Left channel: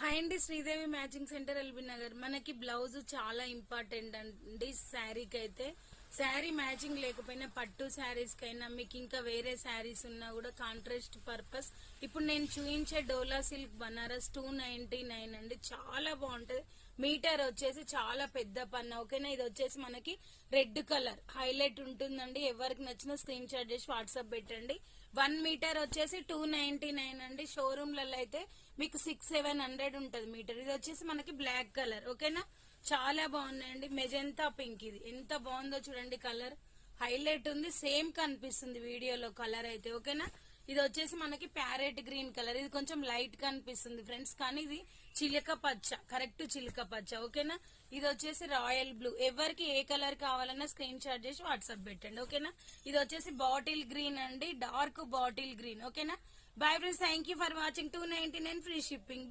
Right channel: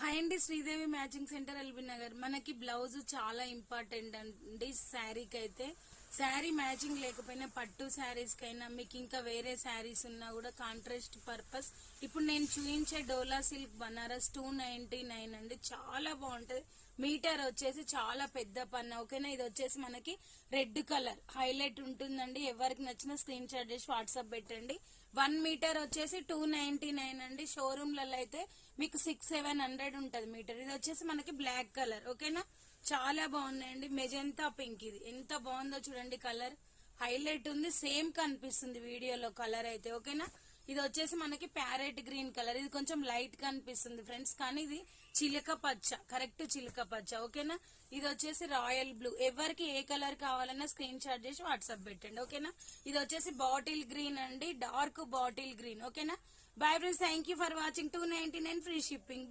Hi అండి, Sridevi matching centre LB Nagar. మనకి blouse చాలా ఇంపార్టెంట్ అండి శారీకి అయితే. శారీ మ్యాచింగ్ లేకపోయినా పట్టు శారీస్ కైనా మీకు ఇంకా వేరే శారీస్ ఉన్నా కూడా కాంట్రాస్ట్ పర్పస్ ఇప్పుడు నేను చూపించే డోలా సిల్క్ బనారస్ 299 అండి. చాలా బాగుంటది. మీటర్ వచ్చేసి చాలా పెద్ద పన్ను. ఓకేనా, ఇది వచ్చేసి మనకి రెడ్ కలర్ హైలైట్ ఉంటుందండి. ఎవరికి నచ్చిన స్క్రీన్ షాట్ చేసి వాట్సాప్ పెట్టండి. 1 మీటర్ వచ్చేసి 299 అండి. షోరూమ్లలో అయితే మీకు 600-700 ఉంటది మీటర్. ఇది వచ్చేసి మనకి బ్లాక్ కలర్. ఓకేనా, చాలా బాగున్నాయండి. మెజంతా పింక్, ఇది ఎంత బాగుందో చూడండి. కలర్ హైలైట్ ఉంది, సేమ్ కనిపిస్తుంది వీడియోలో కలర్ అయితే. ఓకేనా, ఇది వచ్చేసి మనకి ప్యారెట్ గ్రీన్ కలర్. ఇది కొంచెం లైట్ కనిపిస్తుంది ఫ్రెండ్స్, కానీ ఇది చిలక పచ్చ, కరెక్ట్ చిలక పచ్చ. ఓకేనా, ఇది వచ్చేసి రాయల్ బ్లూ. ఎవరికి ఏ కలర్ కావాలన్నా స్క్రీన్ షాట్ చేసి వాట్సాప్ పెట్టండి. ఓకేనా, ఇది వచ్చేసి బాటిల్ గ్రీన్ అండి, డార్క్ బాటిల్ గ్రీన్. ఓకేనా, bye friends, thank you for watching. 299 free shipping.